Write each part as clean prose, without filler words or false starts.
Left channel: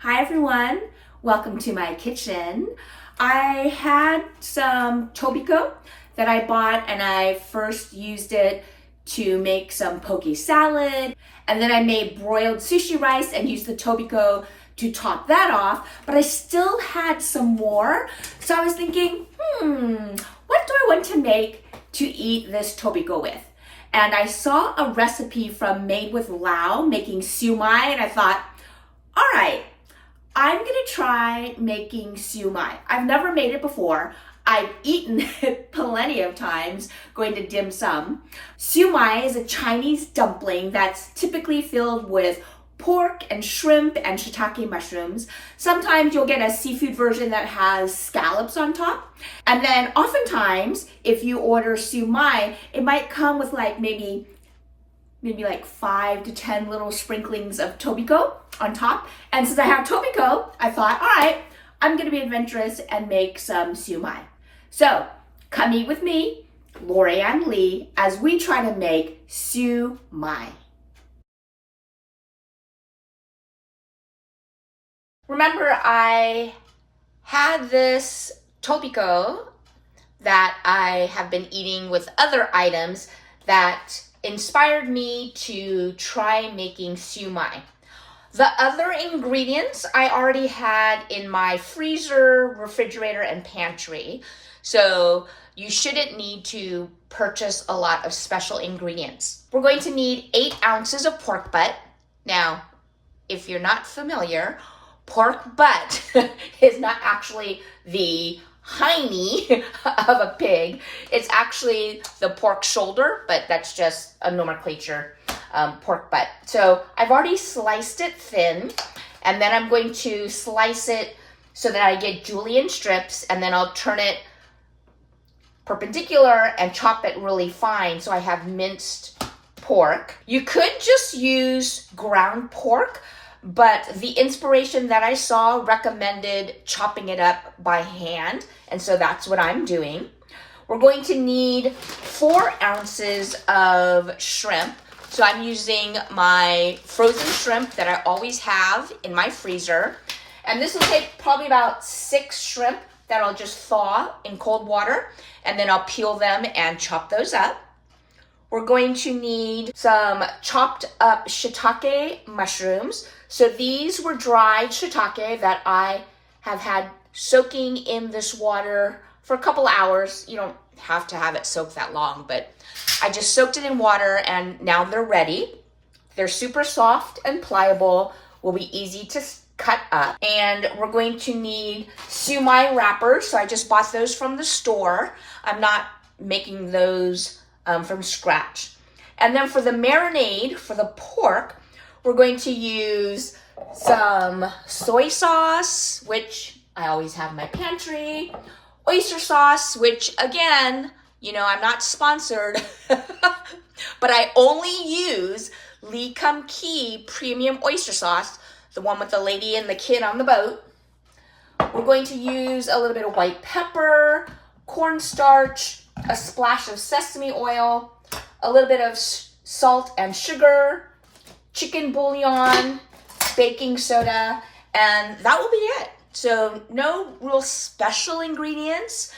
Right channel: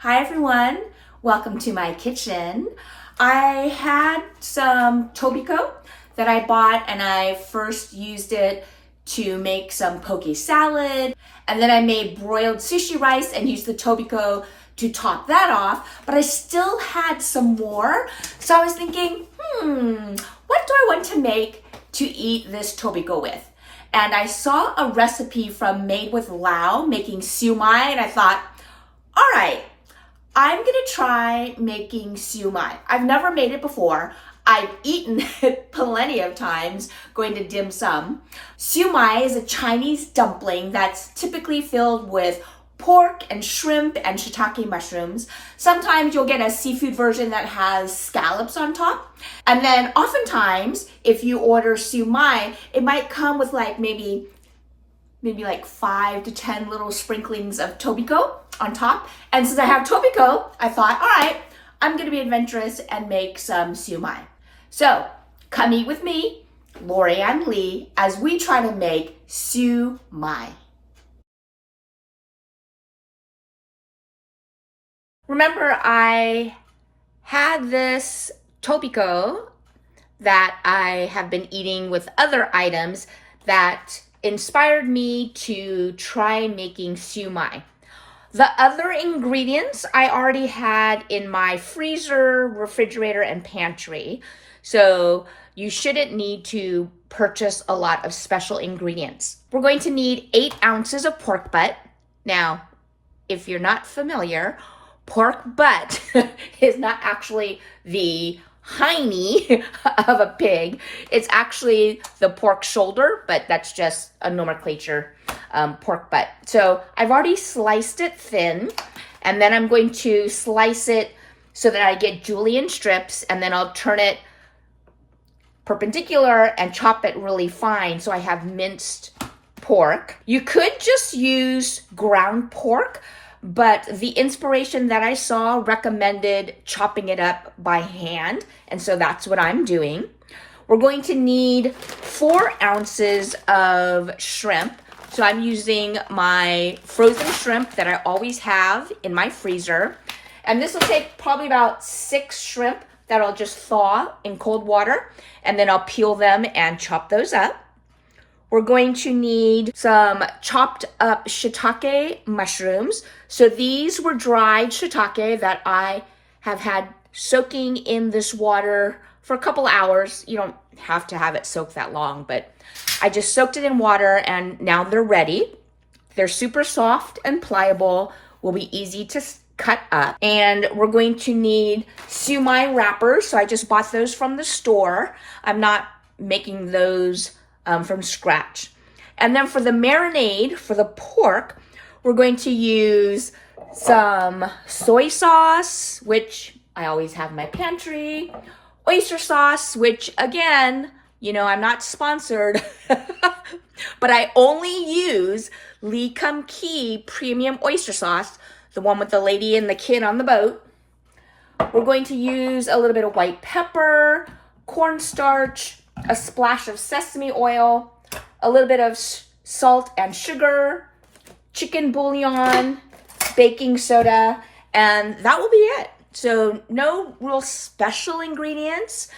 Hi everyone, welcome to my kitchen. I had some tobiko that I bought and I first used it to make some poke salad, and then I made broiled sushi rice and used the tobiko to top that off, but I still had some more. So I was thinking, what do I want to make to eat this tobiko with? And I saw a recipe from Made with Lao making Shumai, and I thought, all right, I'm gonna try making Sui Mai. I've never made it before. I've eaten it plenty of times going to dim sum. Sui Mai is a Chinese dumpling that's typically filled with pork and shrimp and shiitake mushrooms. Sometimes you'll get a seafood version that has scallops on top. And then oftentimes, if you order Sui Mai, it might come with maybe like 5 to 10 little sprinklings of tobiko on top. And since I have tobiko, I thought, all right, I'm gonna be adventurous and make some Sui Mai. So come eat with me, Lorianne Lee, as we try to make Sui Mai. Remember, I had this tobiko that I have been eating with other items that inspired me to try making Sui Mai. The other ingredients I already had in my freezer, refrigerator, and pantry, so you shouldn't need to purchase a lot of special ingredients. We're going to need 8 ounces of pork butt. Now, if you're not familiar, pork butt is not actually the hiney of a pig. It's actually the pork shoulder, but that's just a nomenclature, pork butt. So I've already sliced it thin, and then I'm going to slice it so that I get julienne strips, and then I'll turn it perpendicular and chop it really fine so I have minced pork. You could just use ground pork, but the inspiration that I saw recommended chopping it up by hand, and so that's what I'm doing. We're going to need 4 ounces of shrimp. So I'm using my frozen shrimp that I always have in my freezer. And this will take probably about 6 shrimp that I'll just thaw in cold water, and then I'll peel them and chop those up. We're going to need some chopped up shiitake mushrooms. So these were dried shiitake that I have had soaking in this water for a couple hours. You don't have to have it soak that long, but I just soaked it in water and now they're ready. They're super soft and pliable, will be easy to cut up. And we're going to need Sui Mai wrappers. So I just bought those from the store. I'm not making those from scratch. And then for the marinade, for the pork, we're going to use some soy sauce, which I always have in my pantry, oyster sauce, which again, I'm not sponsored, but I only use Lee Kum Kee premium oyster sauce, the one with the lady and the kid on the boat. We're going to use a little bit of white pepper, cornstarch, a splash of sesame oil, a little bit of salt and sugar, chicken bouillon, baking soda, and that will be it. So no real special ingredients.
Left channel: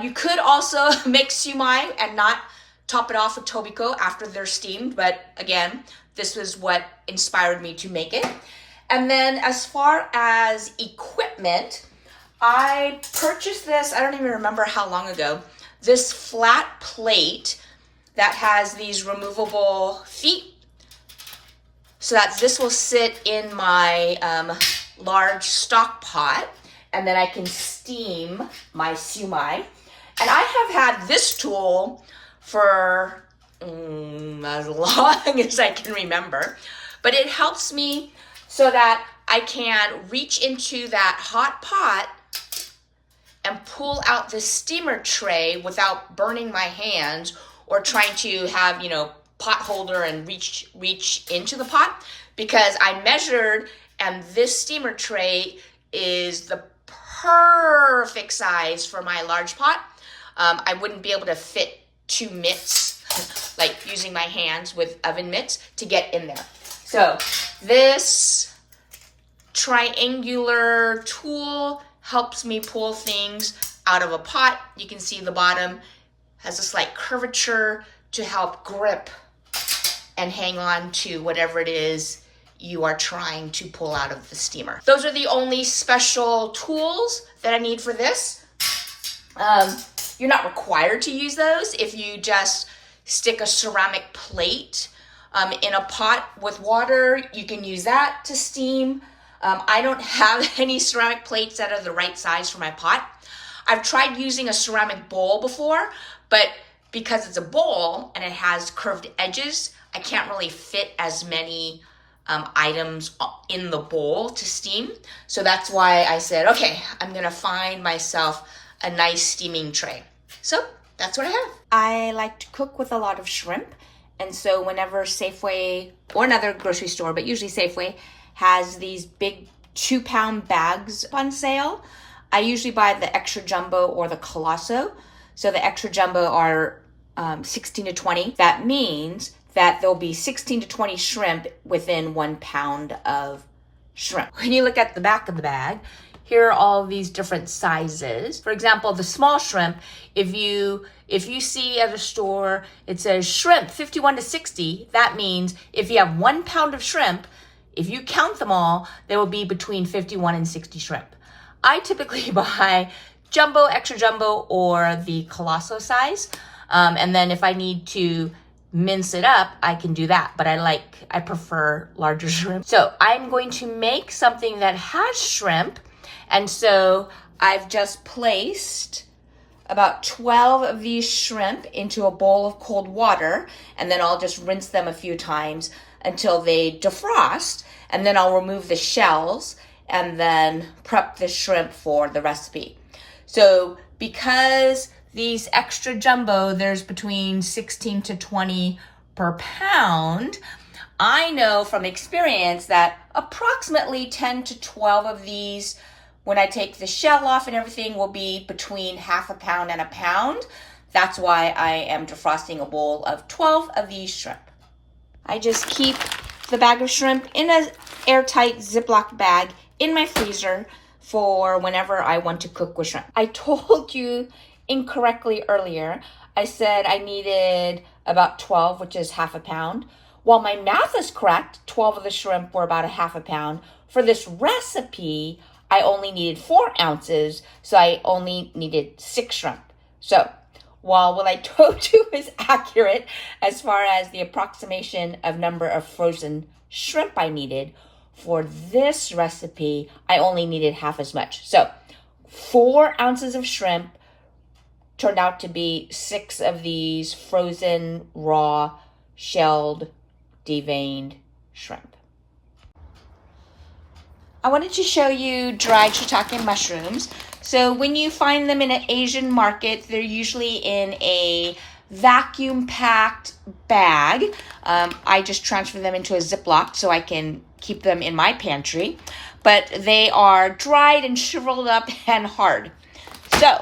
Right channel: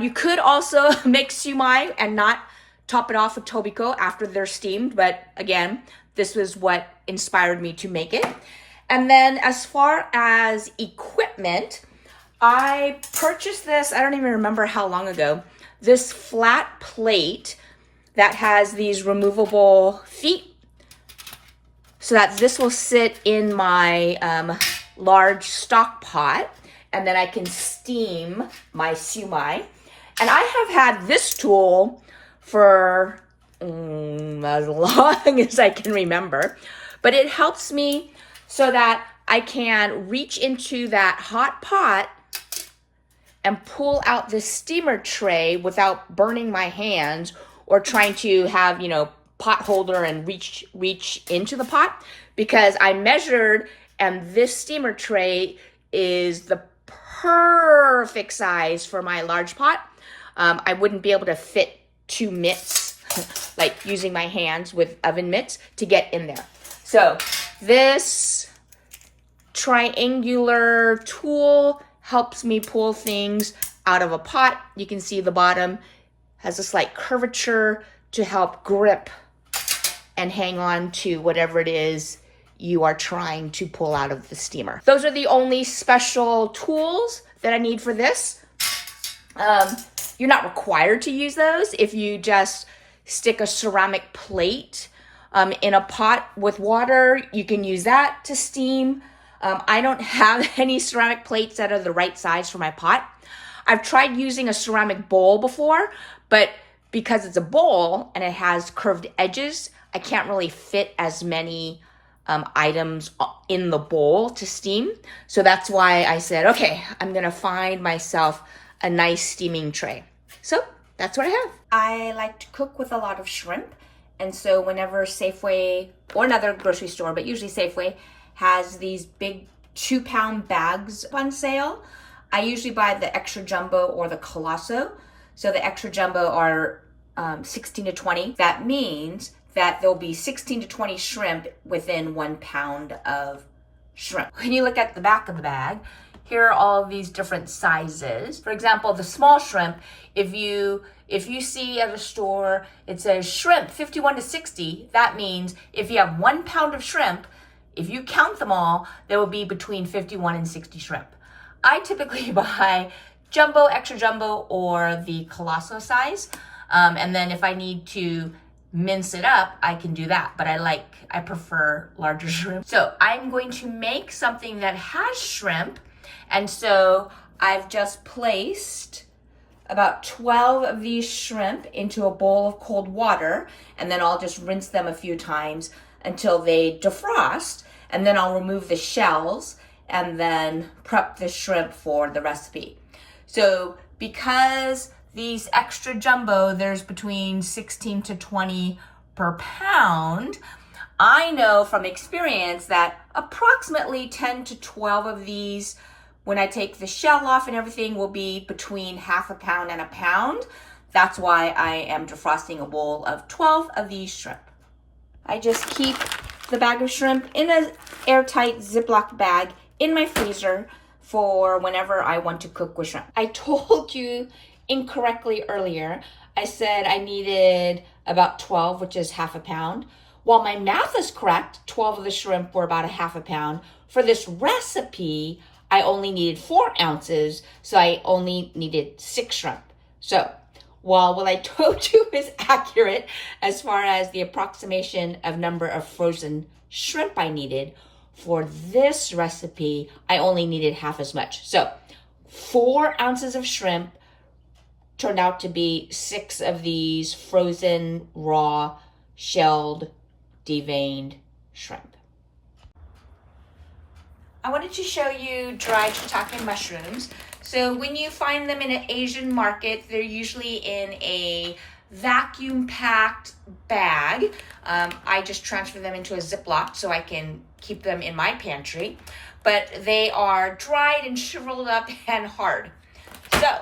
You could also make Sui Mai and not top it off with tobiko after they're steamed, but again, this was what inspired me to make it. And then as far as equipment, I purchased this, I don't even remember how long ago, this flat plate that has these removable feet so that this will sit in my large stock pot, and then I can steam my Sui Mai. And I have had this tool for as long as I can remember, but it helps me so that I can reach into that hot pot and pull out this steamer tray without burning my hands or trying to have, pot holder and reach into the pot, because I measured and this steamer tray is the perfect size for my large pot. I wouldn't be able to fit 2 mitts, like using my hands with oven mitts to get in there. So this triangular tool helps me pull things out of a pot. You can see the bottom has a slight curvature to help grip and hang on to whatever it is you are trying to pull out of the steamer. Those are the only special tools that I need for this. You're not required to use those. If you just stick a ceramic plate in a pot with water, you can use that to steam. I don't have any ceramic plates that are the right size for my pot. I've tried using a ceramic bowl before, but because it's a bowl and it has curved edges, I can't really fit as many items in the bowl to steam. So that's why I said, okay, I'm gonna find myself a nice steaming tray. So that's what I have. I like to cook with a lot of shrimp. And so whenever Safeway or another grocery store, but usually Safeway, has these big 2-pound bags on sale, I usually buy the extra jumbo or the colosso. So the extra jumbo are 16 to 20. That means that there'll be 16 to 20 shrimp within 1 pound of shrimp. When you look at the back of the bag, here are all these different sizes. For example, the small shrimp, if you see at a store, it says shrimp 51 to 60, that means if you have 1 pound of shrimp, if you count them all, there will be between 51 and 60 shrimp. I typically buy jumbo, extra jumbo, or the colosso size. And then if I need to mince it up, I can do that. But I prefer larger shrimp. So I'm going to make something that has shrimp. And so I've just placed about 12 of these shrimp into a bowl of cold water, and then I'll just rinse them a few times until they defrost, and then I'll remove the shells and then prep the shrimp for the recipe. So because these extra jumbo, there's between 16 to 20 per pound, I know from experience that approximately 10 to 12 of these, when I take the shell off and everything, will be between half a pound and a pound. That's why I am defrosting a bowl of 12 of these shrimp. I just keep the bag of shrimp in an airtight Ziploc bag in my freezer for whenever I want to cook with shrimp. I told you incorrectly earlier. I said I needed about 12, which is half a pound. While my math is correct, 12 of the shrimp were about a half a pound. For this recipe, I only needed 4 ounces, so I only needed 6 shrimp. So while what I told you is accurate as far as the approximation of number of frozen shrimp I needed, for this recipe, I only needed half as much. So 4 ounces of shrimp turned out to be 6 of these frozen, raw, shelled, deveined shrimp. I wanted to show you dried shiitake mushrooms. So when you find them in an Asian market, they're usually in a vacuum-packed bag. I just transfer them into a Ziploc so I can keep them in my pantry. But they are dried and shriveled up and hard. So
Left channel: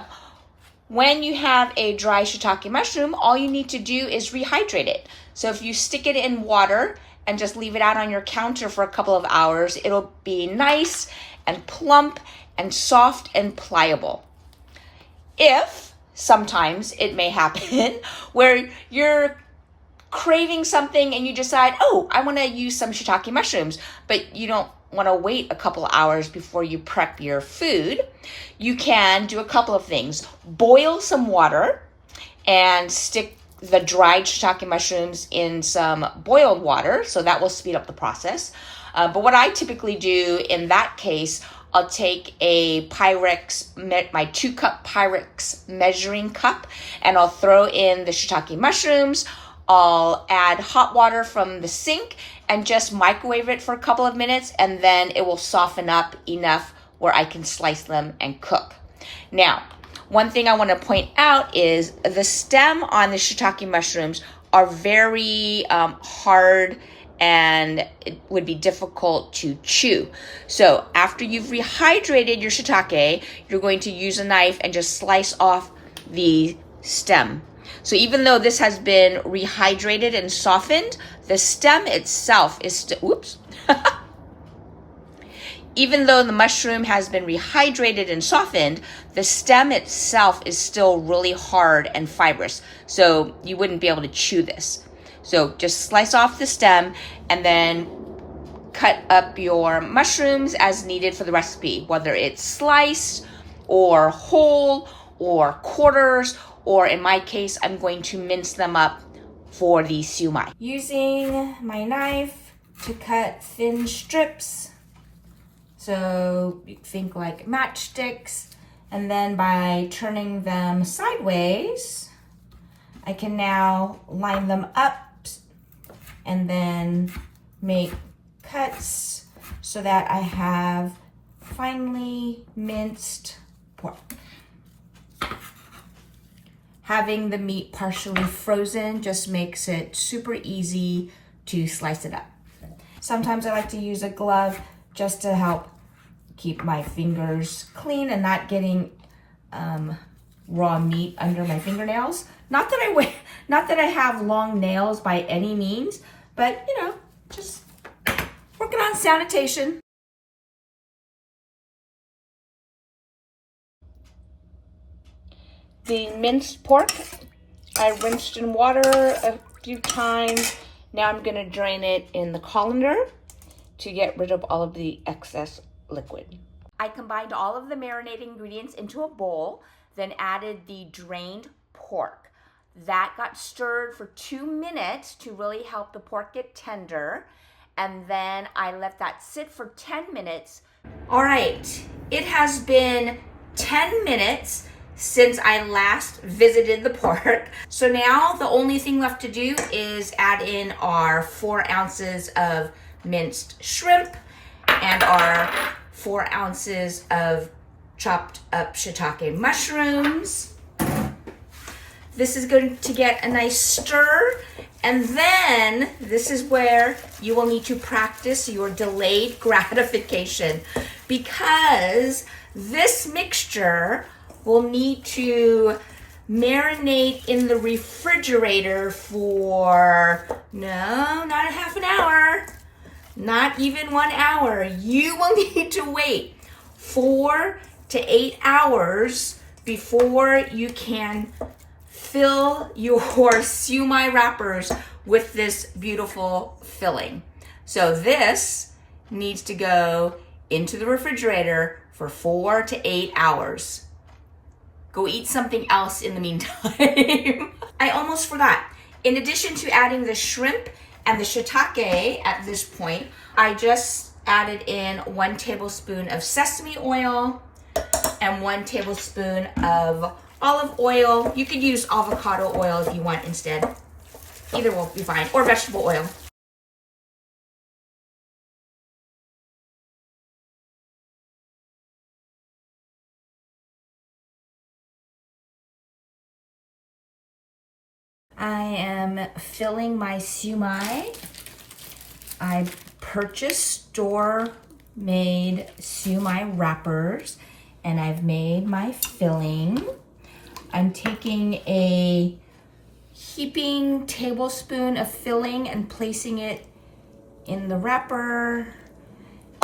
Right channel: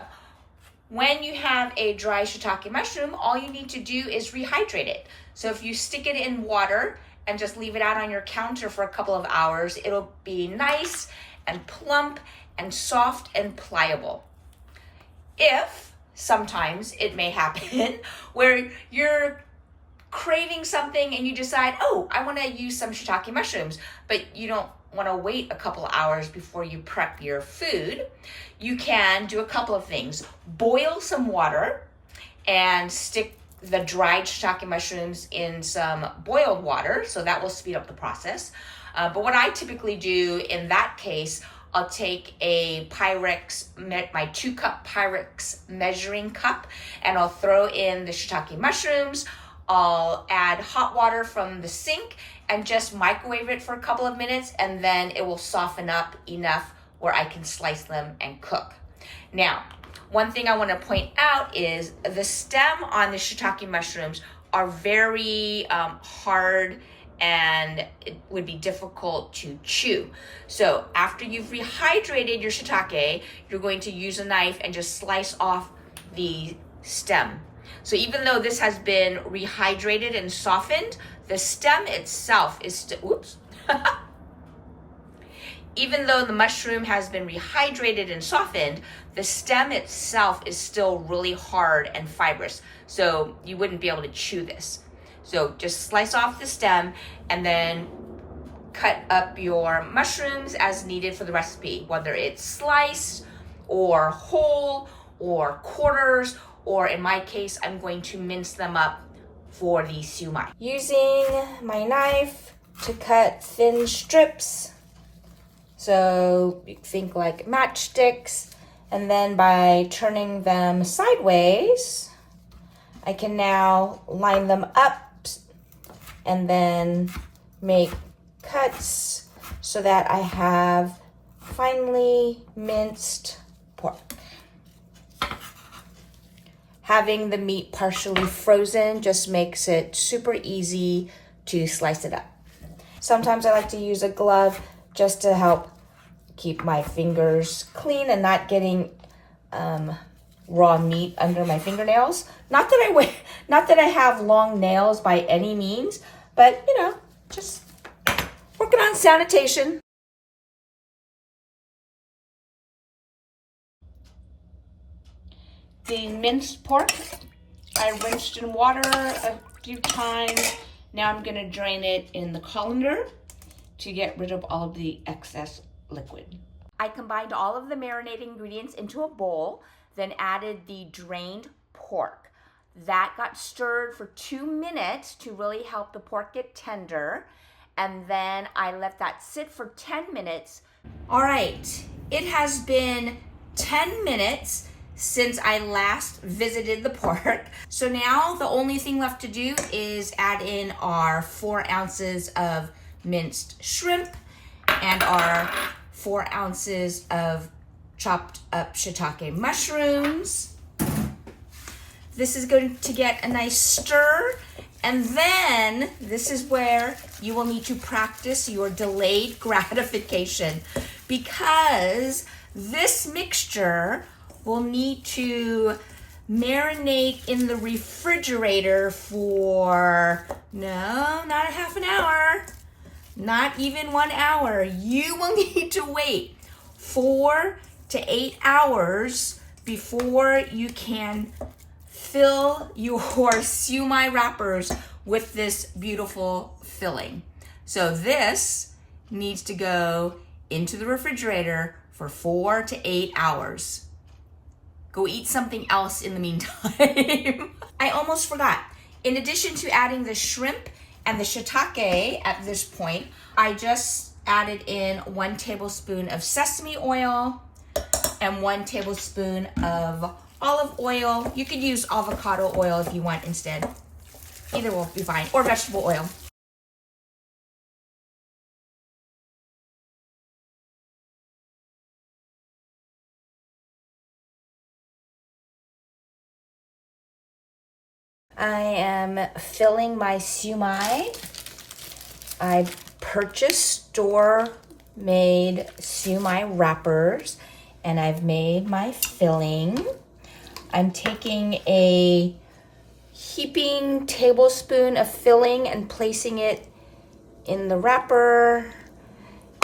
when you have a dry shiitake mushroom, all you need to do is rehydrate it. So if you stick it in water and just leave it out on your counter for a couple of hours, it'll be nice and plump and soft and pliable. If sometimes it may happen where you're craving something and you decide, oh, I want to use some shiitake mushrooms, but you don't want to wait a couple of hours before you prep your food, you can do a couple of things. Boil some water and stick the dried shiitake mushrooms in some boiled water, so that will speed up the process. But what I typically do in that case, I'll take a Pyrex, my 2-cup Pyrex measuring cup, and I'll throw in the shiitake mushrooms. I'll add hot water from the sink and just microwave it for a couple of minutes, and then it will soften up enough where I can slice them and cook. Now, one thing I want to point out is the stem on the shiitake mushrooms are very hard, and it would be difficult to chew. So after you've rehydrated your shiitake, you're going to use a knife and just slice off the stem. So even though this has been rehydrated and softened, the stem itself is still, even though the mushroom has been rehydrated and softened, the stem itself is still really hard and fibrous. So you wouldn't be able to chew this. So just slice off the stem and then cut up your mushrooms as needed for the recipe, whether it's sliced or whole or quarters, or in my case, I'm going to mince them up for the shumai. Using my knife to cut thin strips. So you think like matchsticks, and then by turning them sideways, I can now line them up and then make cuts so that I have finely minced pork. Having the meat partially frozen just makes it super easy to slice it up. Sometimes I like to use a glove just to help keep my fingers clean and not getting raw meat under my fingernails. Not that I have long nails by any means, but you know, just working on sanitation. The minced pork, I rinsed in water a few times. Now I'm gonna drain it in the colander to get rid of all of the excess liquid. I combined all of the marinating ingredients into a bowl, then added the drained pork. That got stirred for 2 minutes to really help the pork get tender. And then I let that sit for 10 minutes. All right, it has been 10 minutes since I last visited the pork. So now the only thing left to do is add in our 4 ounces of minced shrimp and our 4 ounces of chopped up shiitake mushrooms. This is going to get a nice stir, and then this is where you will need to practice your delayed gratification, because this mixture will need to marinate in the refrigerator for, no, not a half an hour, not even 1 hour. You will need to wait 4 to 8 hours before you can fill your shumai wrappers with this beautiful filling. So this needs to go into the refrigerator for 4 to 8 hours. Go eat something else in the meantime. I almost forgot. In addition to adding the shrimp and the shiitake at this point, I just added in 1 tablespoon of sesame oil and 1 tablespoon of olive oil. You could use avocado oil if you want instead. Either will be fine, or vegetable oil. I am filling my shumai. I purchased store-made shumai wrappers, and I've made my filling. I'm taking a heaping tablespoon of filling and placing it in the wrapper.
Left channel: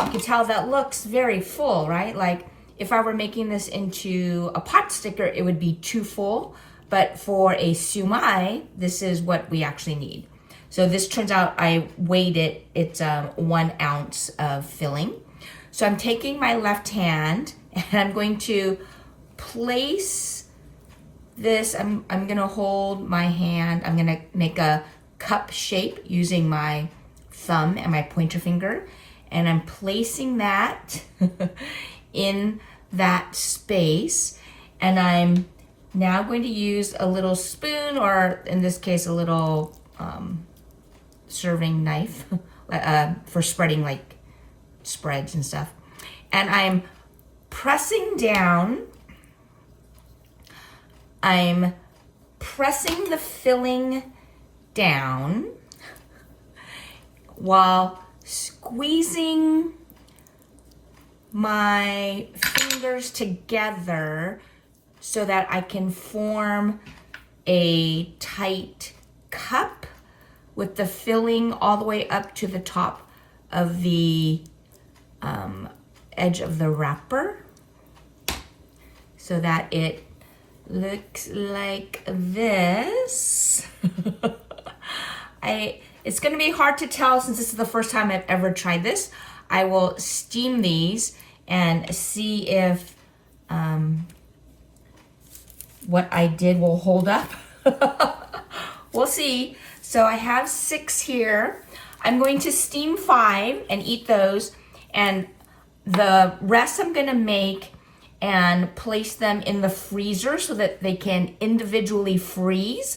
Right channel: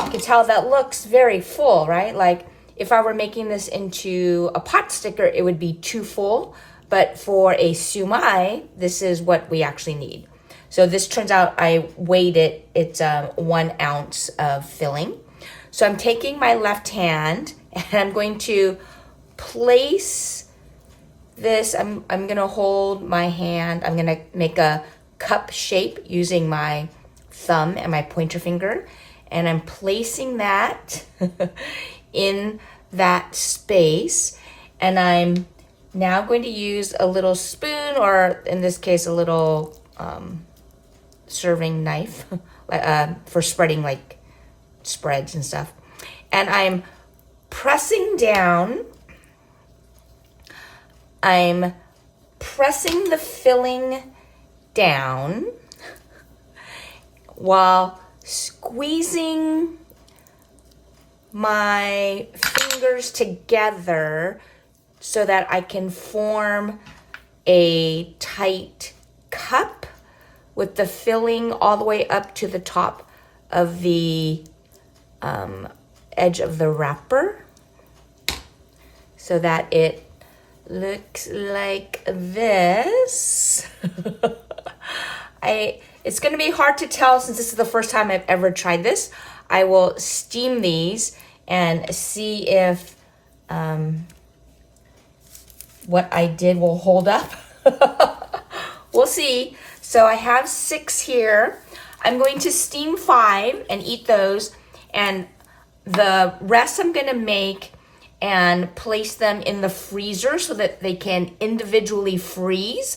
You can tell that looks very full, right? Like if I were making this into a pot sticker, it would be too full. But for a shumai, this is what we actually need. So this turns out, I weighed it, it's 1 ounce of filling. So I'm taking my left hand and I'm going to place this, I'm gonna hold my hand, I'm gonna make a cup shape using my thumb and my pointer finger, and I'm placing that in that space, and I'm now going to use a little spoon, or in this case, a little serving knife for spreading like spreads and stuff. And I'm pressing down. I'm pressing the filling down while squeezing my fingers together so that I can form a tight cup with the filling all the way up to the top of the edge of the wrapper so that it looks like this. It's gonna be hard to tell since this is the first time I've ever tried this. I will steam these and see if what I did will hold up. We'll see. So I have 6 here. I'm going to steam 5 and eat those, and the rest I'm gonna make and place them in the freezer so that they can individually freeze.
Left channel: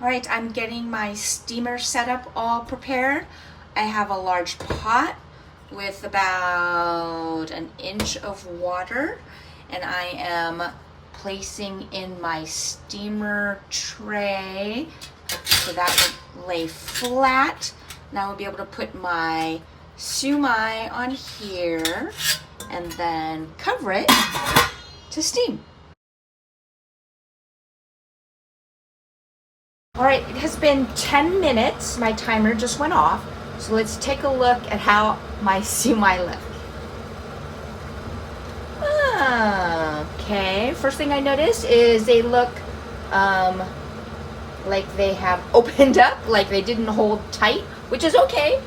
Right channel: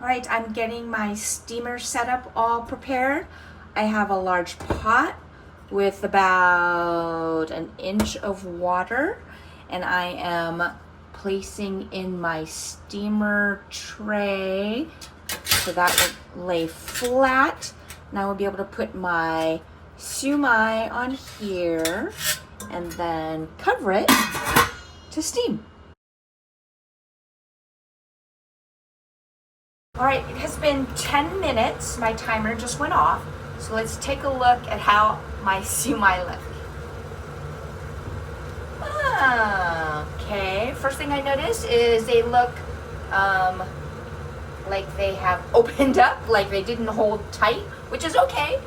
All right, I'm getting my steamer setup all prepared. I have a large pot with about an inch of water, and I am placing in my steamer tray so that will lay flat. Now I'll be able to put my Shumai on here and then cover it to steam. All right, it has been 10 minutes. My timer just went off. So let's take a look at how my Shumai look. Okay, first thing I noticed is they look like they have opened up, like they didn't hold tight, which is okay.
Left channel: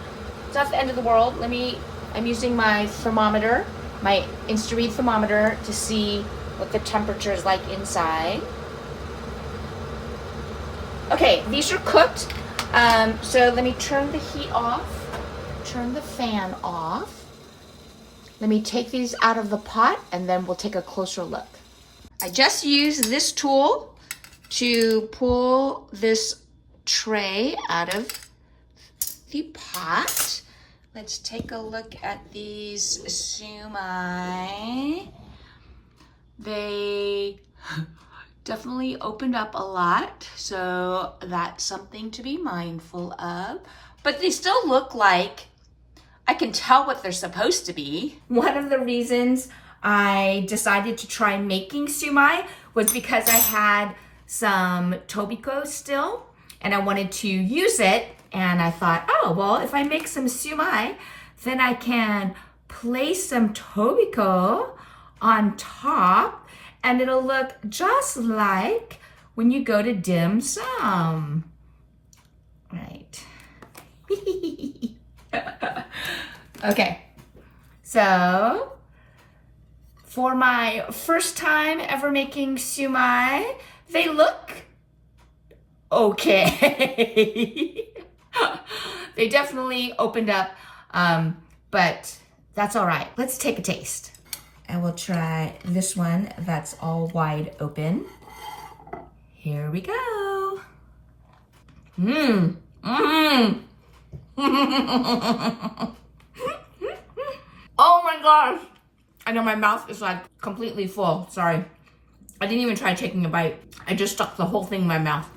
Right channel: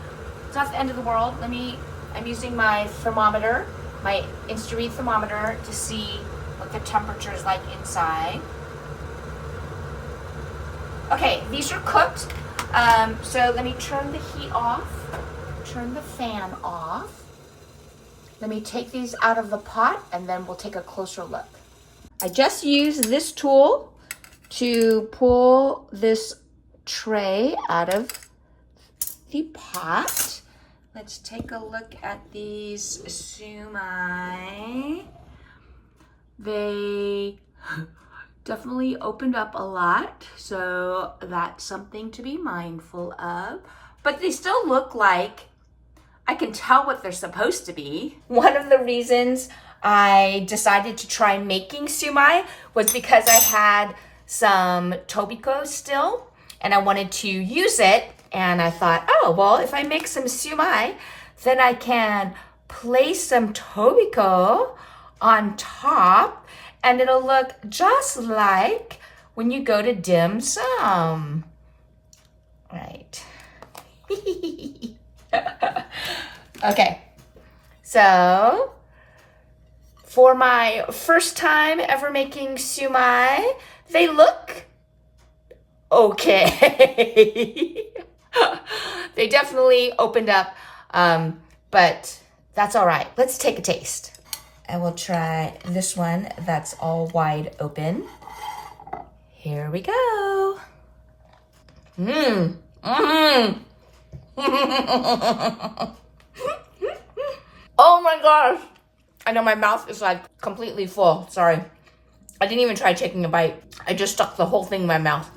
It's not the end of the world. I'm using my thermometer, my Insta-Read thermometer to see what the temperature is like inside. Okay, these are cooked. So let me turn the heat off, turn the fan off. Let me take these out of the pot and then we'll take a closer look. I just used this tool to pull this tray out of the pot. Let's take a look at these Shumai. They definitely opened up a lot, so that's something to be mindful of. But they still look like I can tell what they're supposed to be. One of the reasons I decided to try making Shumai was because I had some tobiko still and I wanted to use it, and I thought, oh, well, if I make some Shumai, then I can place some tobiko on top and it'll look just like when you go to dim sum. Right. Okay, so for my first time ever making Shumai, they look okay. They definitely opened up, but that's all right. Let's take a taste. I will try this one that's all wide open. Here we go. Oh my gosh. I know my mouth is like completely full. Sorry. I didn't even try taking a bite. I just stuck the whole thing in my mouth.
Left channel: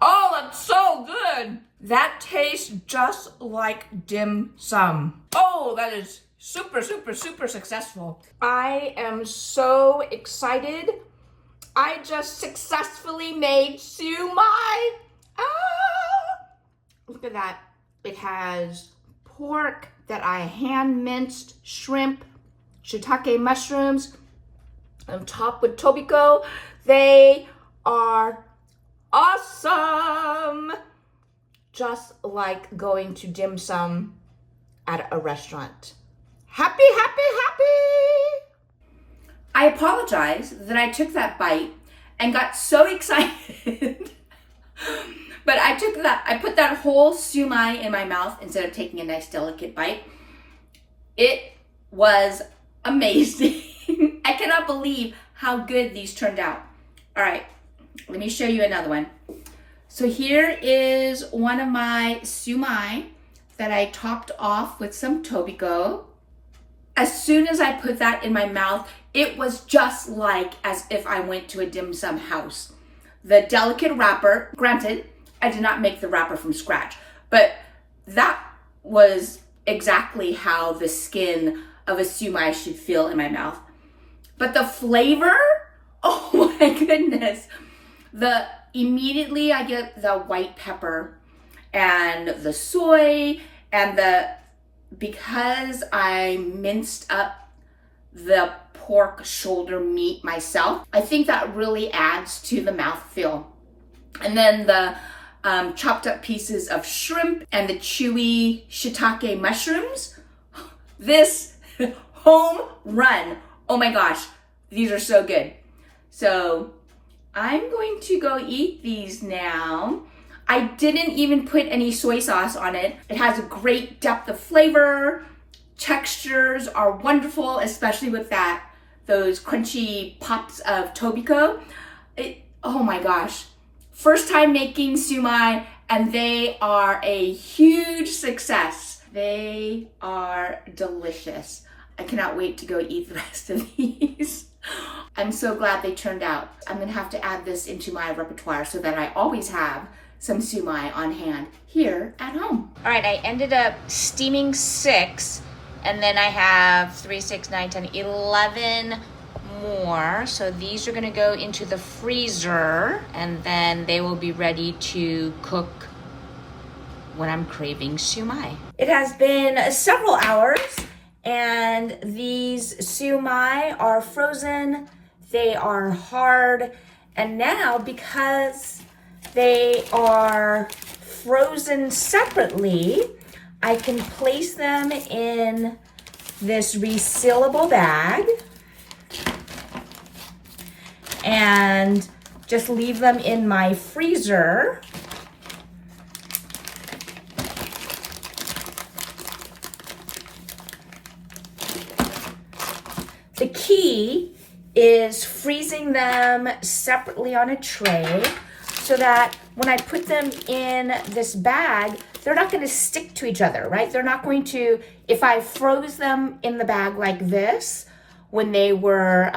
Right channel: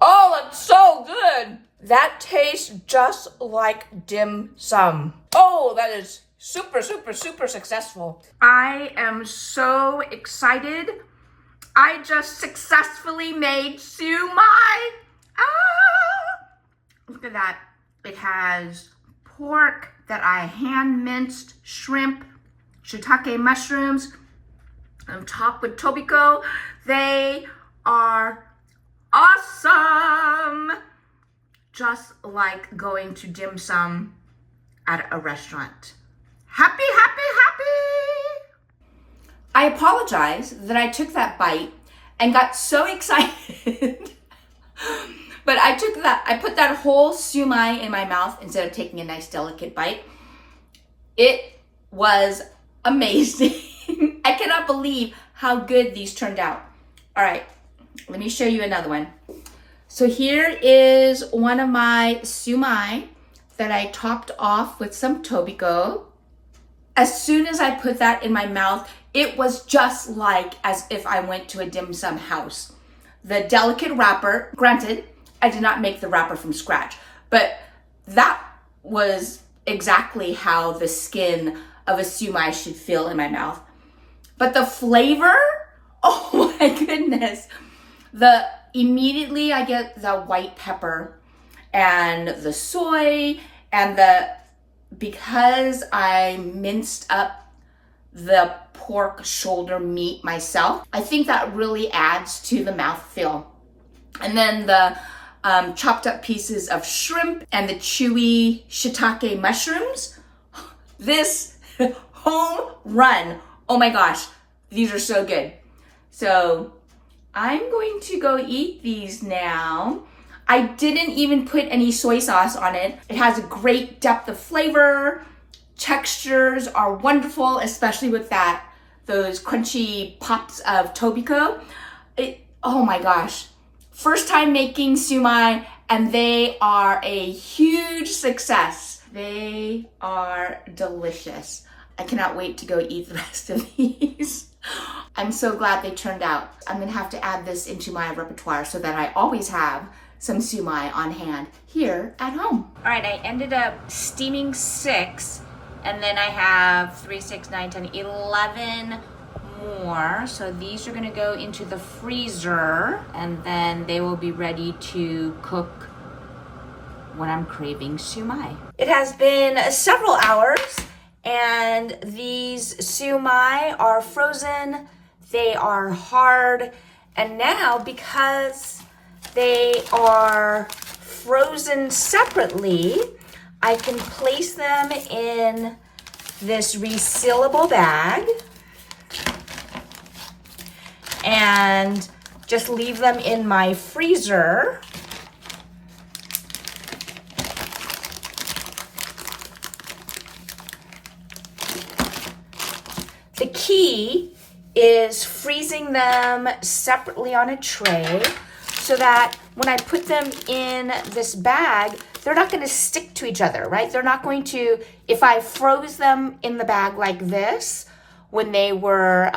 Oh, that's so good. That tastes just like dim sum. Oh, that is super, super, super successful. I am so excited. I just successfully made Shumai. Look at that. It has pork that I hand minced, shrimp, shiitake mushrooms, on top with tobiko. They are awesome. Just like going to dim sum at a restaurant. Happy, happy, happy. I apologize that I took that bite and got so excited. But I put that whole Shumai in my mouth instead of taking a nice delicate bite. It was amazing. I cannot believe how good these turned out. All right, let me show you another one. So here is one of my Shumai that I topped off with some tobiko. As soon as I put that in my mouth, it was just like as if I went to a dim sum house. The delicate wrapper, granted, I did not make the wrapper from scratch, but that was exactly how the skin of a Shumai should feel in my mouth. But the flavor, oh my goodness. Immediately I get the white pepper and the soy And because I minced up the pork shoulder meat myself, I think that really adds to the mouthfeel. And then the chopped up pieces of shrimp and the chewy shiitake mushrooms. This home run. Oh my gosh, these are so good. So I'm going to go eat these now. I didn't even put any soy sauce on it. It has a great depth of flavor. Textures are wonderful, especially with those crunchy pops of tobiko. Oh my gosh. First time making shumai, and they are a huge success. They are delicious. I cannot wait to go eat the rest of these. I'm so glad they turned out. I'm gonna have to add this into my repertoire so that I always have some shumai on hand here at home. All right, I ended up steaming 6, and then I have 3, 6, 9, 10, 11 more. So these are gonna go into the freezer, and then they will be ready to cook when I'm craving shumai. It has been several hours, and these shumai are frozen. They are hard, and now because they are frozen separately, I can place them in this resealable bag and just leave them in my freezer. The key is freezing them separately on a tray so that when I put them in this bag, they're not gonna stick to each other, right? They're not going to, if I froze them in the bag like this, when they were,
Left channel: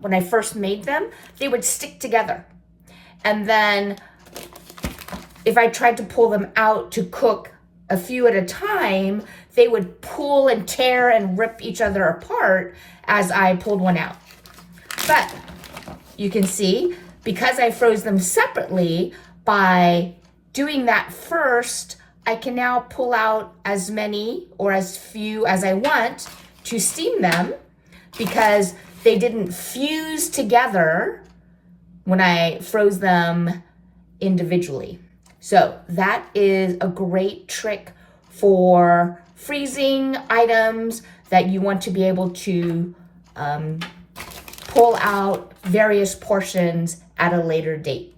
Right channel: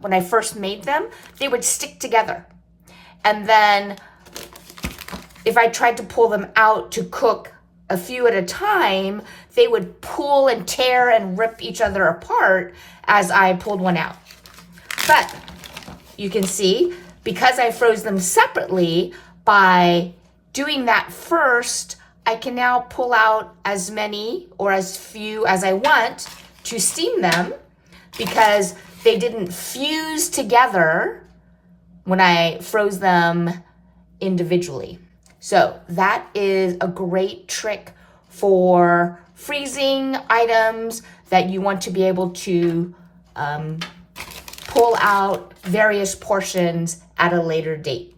when I first made them, they would stick together. And then if I tried to pull them out to cook a few at a time, they would pull and tear and rip each other apart as I pulled one out. But you can see, because I froze them separately, by doing that first, I can now pull out as many or as few as I want to steam them, because they didn't fuse together when I froze them individually. So that is a great trick for freezing items that you want to be able to pull out various portions at a later date.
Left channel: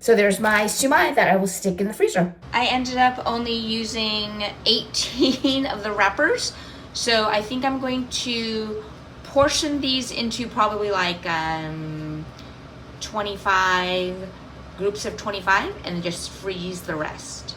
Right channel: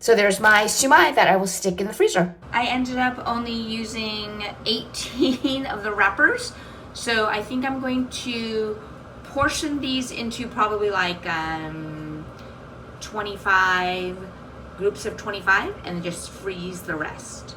So there's my shumai that I will stick in the freezer. I ended up only using 18 of the wrappers. So I think I'm going to portion these into probably like 25 groups of 25 and just freeze the rest.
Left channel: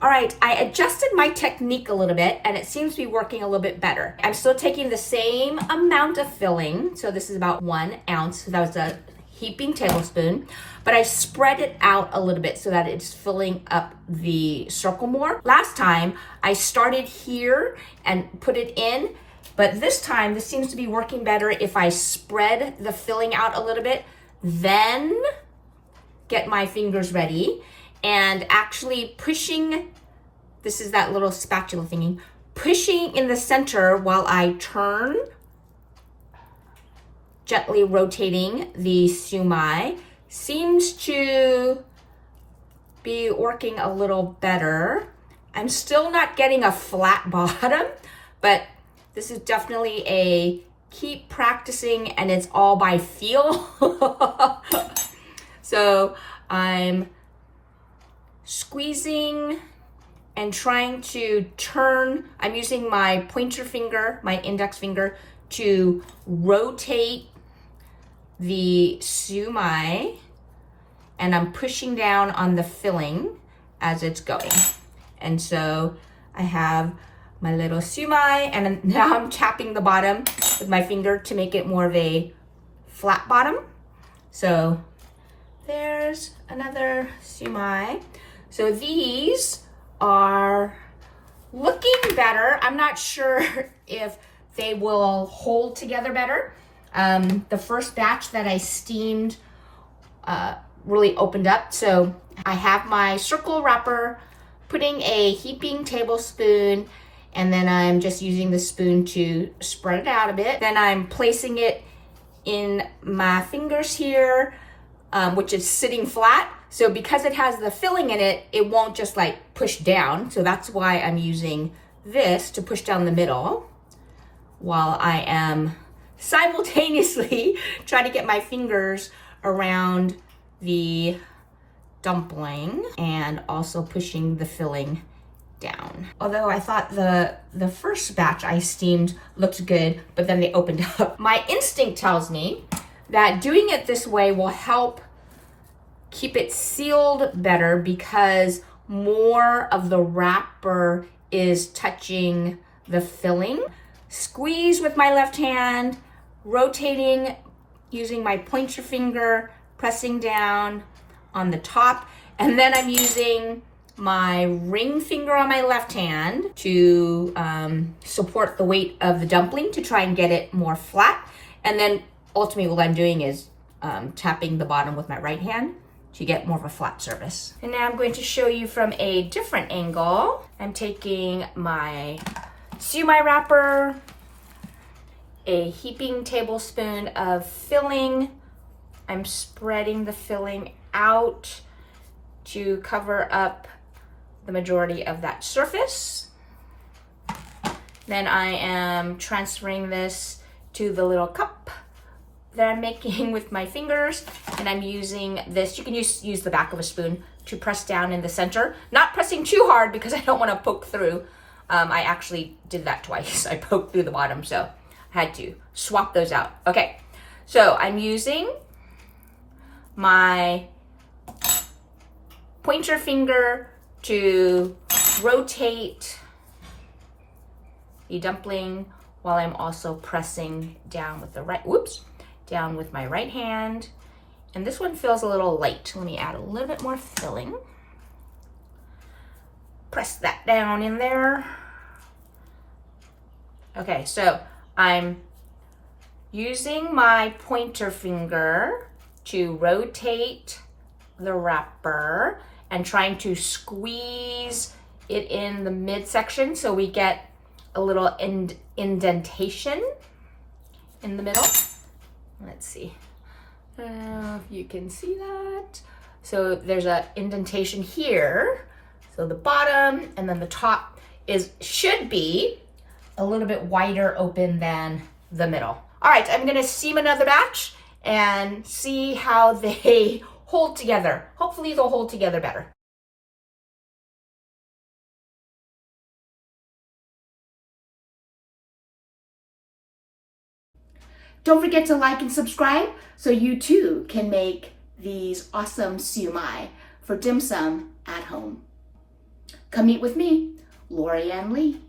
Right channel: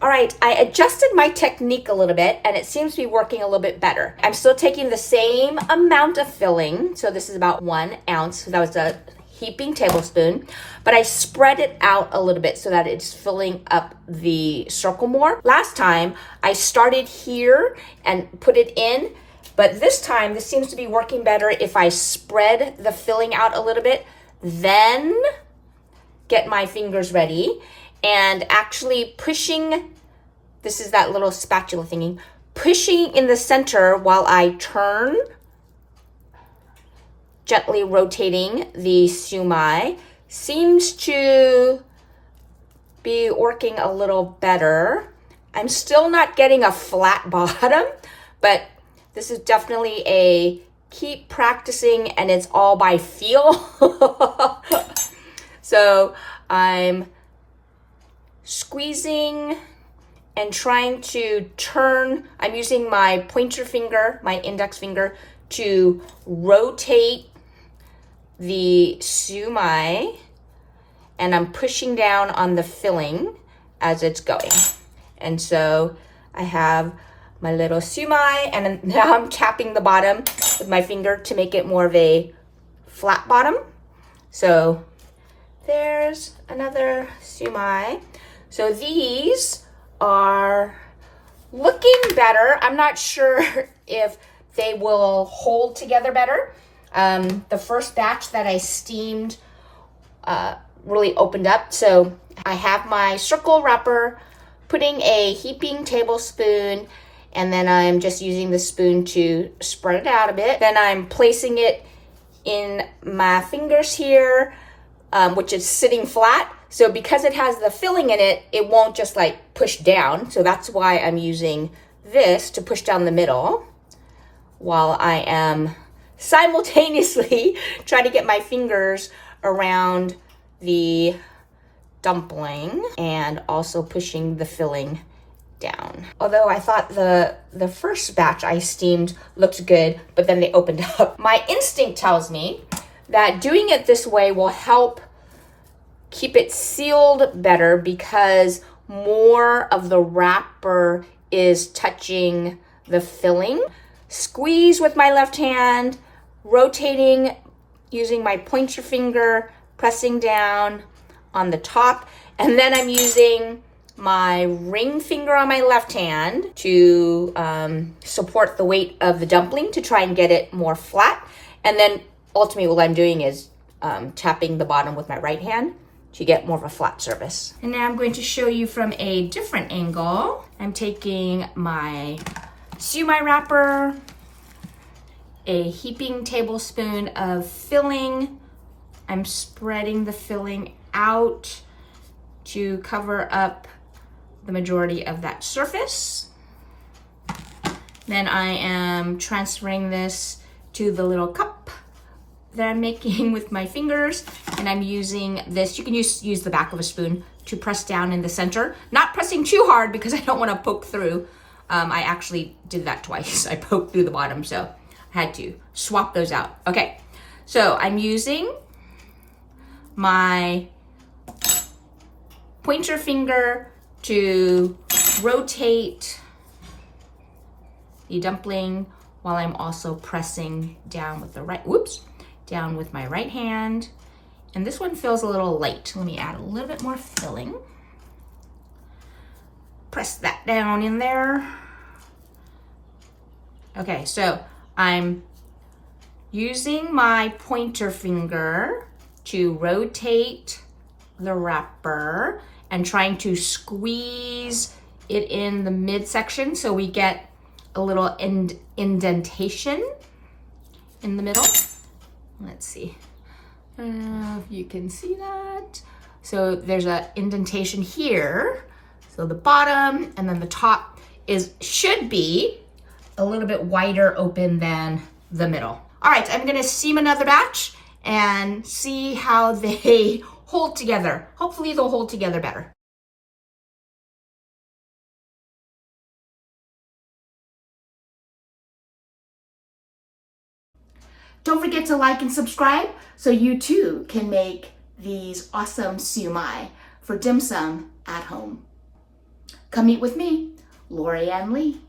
All right, I adjusted my technique a little bit and it seems to be working a little bit better. I'm still taking the same amount of filling. So this is about 1 ounce. So that was a heaping tablespoon, but I spread it out a little bit so that it's filling up the circle more. Last time I started here and put it in, but this time this seems to be working better if I spread the filling out a little bit, then get my fingers ready and actually pushing, this is that little spatula thingy, pushing in the center while I turn, gently rotating the shumai, seems to be working a little better. I'm still not getting a flat bottom, but this is definitely a keep practicing and it's all by feel. So I'm squeezing and trying to turn. I'm using my pointer finger, my index finger, to rotate the shumai, and I'm pushing down on the filling as it's going. And so I have my little shumai, and now I'm tapping the bottom with my finger to make it more of a flat bottom. So there's another shumai. So these are looking better. I'm not sure if they will hold together better. The first batch that I steamed really opened up. So I have my circle wrapper putting a heaping tablespoon, and then I'm just using the spoon to spread it out a bit. Then I'm placing it in my fingers here, which is sitting flat. So because it has the filling in it, it won't just like push down. So that's why I'm using this to push down the middle while I am simultaneously trying to get my fingers around the dumpling and also pushing the filling down. Although I thought the first batch I steamed looked good, but then they opened up. My instinct tells me that doing it this way will help keep it sealed better because more of the wrapper is touching the filling. Squeeze with my left hand, rotating using my pointer finger, pressing down on the top, and then I'm using my ring finger on my left hand to support the weight of the dumpling to try and get it more flat. And then ultimately what I'm doing is tapping the bottom with my right hand to get more of a flat surface. And now I'm going to show you from a different angle. I'm taking my Sui Mai wrapper, a heaping tablespoon of filling. I'm spreading the filling out to cover up the majority of that surface. Then I am transferring this to the little cup that I'm making with my fingers, and I'm using this. You can use the back of a spoon to press down in the center. Not pressing too hard because I don't want to poke through. I actually did that twice. I poked through the bottom, so I had to swap those out. Okay, so I'm using my pointer finger to rotate the dumpling while I'm also pressing down with the down with my right hand. And this one feels a little light. Let me add a little bit more filling. Press that down in there. Okay, so I'm using my pointer finger to rotate the wrapper and trying to squeeze it in the midsection so we get a little indentation in the middle. Let's see if you can see that. So there's an indentation here. So the bottom and then the top should be a little bit wider open than the middle. All right, I'm gonna seam another batch and see how they hold together. Hopefully they'll hold together better. Don't forget to like and subscribe so you too can make these awesome Shumai for dim sum at home. Come eat with me, Lorianne Lee.